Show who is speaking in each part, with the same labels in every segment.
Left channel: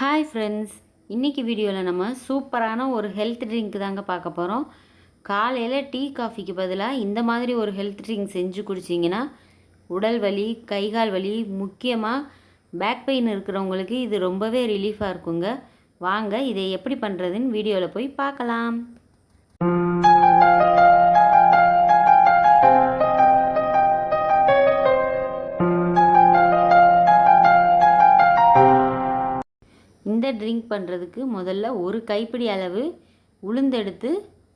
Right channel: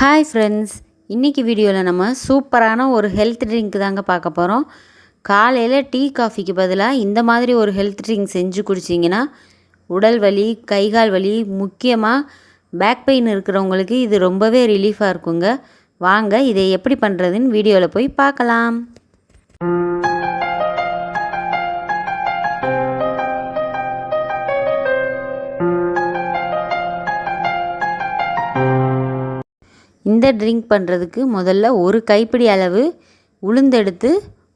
Speaker 1: Hi friends இன்றைக்கி வீடியோவில் நம்ம சூப்பரான ஒரு ஹெல்த் ட்ரிங்க் தாங்க பார்க்க போகிறோம் காலையில் டீ காஃபிக்கு பதிலாக இந்த மாதிரி ஒரு ஹெல்த் ட்ரிங்க் செஞ்சு குடிச்சிங்கன்னா உடல் வலி கை கால் வலி முக்கியமாக பேக் பெயின் இருக்கிறவங்களுக்கு இது ரொம்பவே ரிலீஃபாக இருக்குங்க. வாங்க இதை எப்படி பண்ணுறதுன்னு வீடியோவில் போய் பார்க்கலாம். இந்த ட்ரிங்க் பண்ணுறதுக்கு முதல்ல ஒரு கைப்பிடி அளவு உளுந்தெடுத்து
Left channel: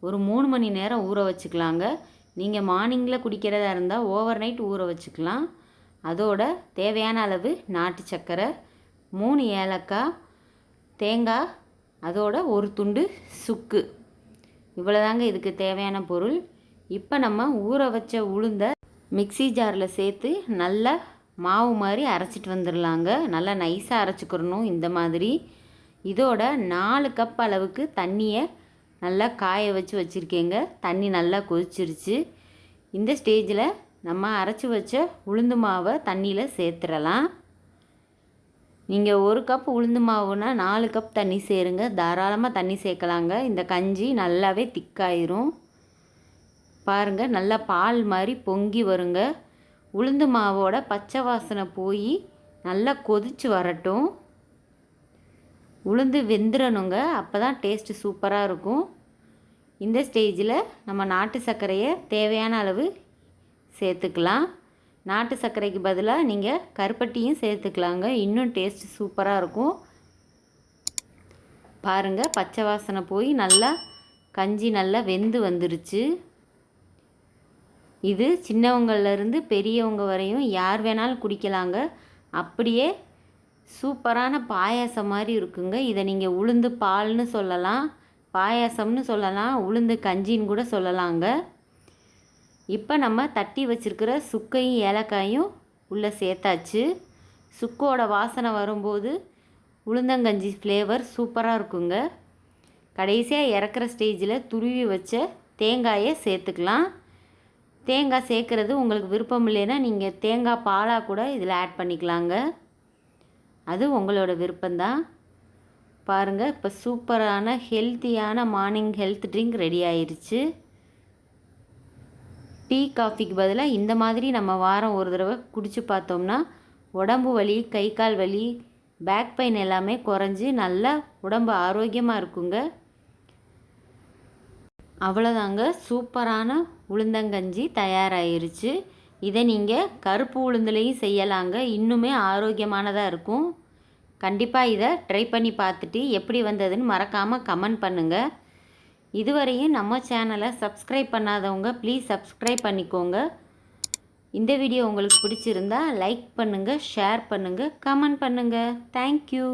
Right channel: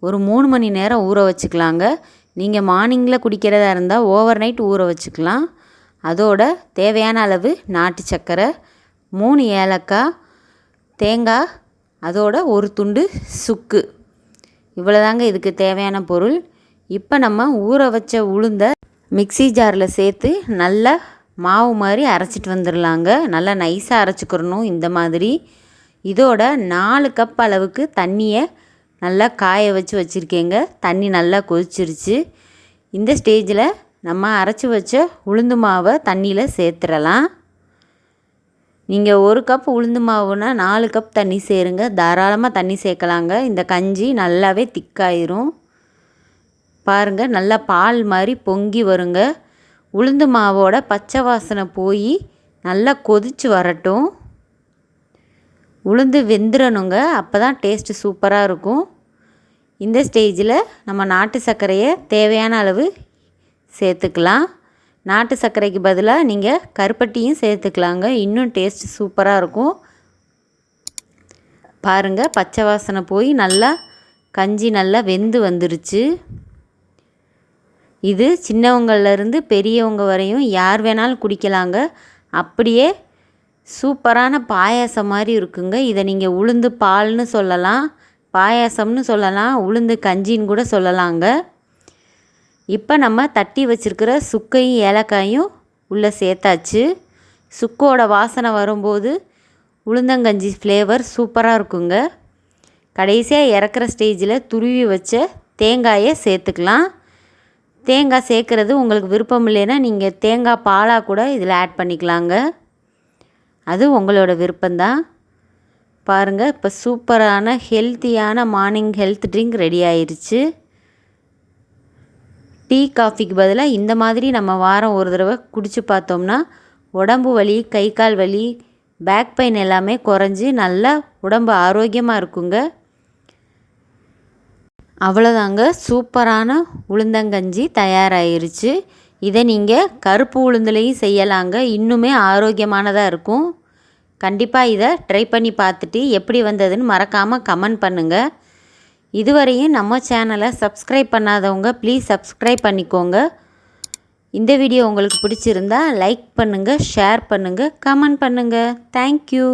Speaker 1: ஒரு மூணு மணி நேரம் ஊற வச்சுக்கலாங்க. நீங்கள் மார்னிங்கில் குடிக்கிறதா இருந்தால் ஓவர் நைட் ஊற வச்சுக்கலாம். அதோட தேவையான அளவு நாட்டு சர்க்கரை மூணு ஏலக்காய் தேங்காய் அதோட ஒரு துண்டு சுக்கு. இவ்வளோதாங்க இதுக்கு தேவையான பொருள். இப்போ நம்ம ஊற வச்ச உளுந்த மிக்சி ஜாரில் சேர்த்து நல்லா மாவு மாதிரி அரைச்சிட்டு வந்துடலாங்க நல்லா நைஸாக அரைச்சிக்கிறணும் இந்த மாதிரி. இதோட நாலு கப் அளவுக்கு தண்ணியை நல்லா காய வச்சு வச்சுருக்கேங்க. தண்ணி நல்லா கொதிச்சிருச்சு. இந்த ஸ்டேஜில் நம்ம அரைச்சி வச்ச உளுந்து மாவை தண்ணியில் சேர்த்துடலாம் நீங்கள் ஒரு கப் உளுந்து மாவுனா நாலு கப் தண்ணி சேருங்க. தாராளமாக தண்ணி சேர்க்கலாங்க. இந்த கஞ்சி நல்லாவே திக்காயிரும். பாருங்கள் நல்லா பால் மாதிரி பொங்கி வருங்க. உளுந்து மாவோட பச்சை வாசனை போய் நல்லா கொதித்து வரட்டும். உளுந்து வெந்துடணுங்க அப்போ தான் டேஸ்ட்டு சூப்பராக இருக்கும். இந்த ஸ்டேஜில் நம்ம நாட்டு சர்க்கரையை தேவையான அளவு சேர்த்துக்கலாம். நாட்டு சர்க்கரைக்கு பதிலாக நீங்கள் கருப்பட்டியும் சேர்த்துக்கலாங்க. இன்னும் டேஸ்ட் சூப்பராக இருக்கும். பாருங்கள் பச்சை வாசனை போய் நல்லா கஞ்சி நல்லா வெந்து வந்துருச்சு. இது சின்னவங்கள்லேருந்து பெரியவங்க வரையும் யார் வேணாலும் குடிக்கலாங்க. அப்படியே சூப்பரான பாயாசம் மாதிரி இருக்குங்க. இதை நீங்கள் உளுந்து பால்னு சொல்லலாம் பாயாசம்னு சொல்லலாம் உளுந்து கஞ்சின்னு கூட சொல்லலாங்க. இப்போ நம்ம தட்டி வச்சுருக்கிற சுக்கையும் ஏலக்காயும் உள்ளே சேர்த்தாச்சு. சுக்கோட வாசனை வரும்போது உளுந்தங்கஞ்சி ஃப்ளேவர் சூப்பராக இருக்குங்க. கடைசியாக இறக்குற ஸ்டேஜில் துருவி வச்ச தேங்காயை சேர்த்துக்கலாம். தேங்காய் சேர்க்குறது உங்களுக்கு விருப்பம் இல்லைன்னா நீங்கள் தேங்காய் பாலாக கூட இதில் ஆட் பண்ணிக்கலாங்க. அது உங்களோட விருப்பம்தான் பாருங்கள் இப்போ சூப்பரான ஹெல்த்தியான மார்னிங் ஹெல்த் ட்ரிங்க் ரெடி ஆயிடுச்சு டீ காஃபிக்கு பதிலாக இந்த மாதிரி நம்ம வாரம் ஒரு தடவை குடித்து பார்த்தோம்னா உடம்பு வலி கை கால் வலி பேக் பெயின் எல்லாமே குறைஞ்சி நல்லா உடம்பு ஆரோக்கியமாக இருக்குங்க. அவ்வளோதாங்க சூப்பரான உளுந்தங்கஞ்சி தயாராகிருச்சு இதை நீங்கள் கருப்பு உளுந்துலையும் செய்யலாங்க. இன்னுமே ஆரோக்கியமானதாக இருக்கும். கண்டிப்பாக இதை ட்ரை பண்ணி பார்த்துட்டு எப்படி வந்ததுன்னு மறக்காமல் கமெண்ட் பண்ணுங்கள் இதுவரையும் நம்ம சேனலை சப்ஸ்கிரைப் பண்ணாதவங்க ப்ளீஸ் சப்ஸ்கிரைப் பண்ணிக்கோங்க. இந்த வீடியோ உங்களுக்கு பிடிச்சிருந்தா லைக் பண்ணுங்கள் ஷேர் பண்ணுங்கள் கமெண்ட் பண்ணுங்கள் தேங்க்யூ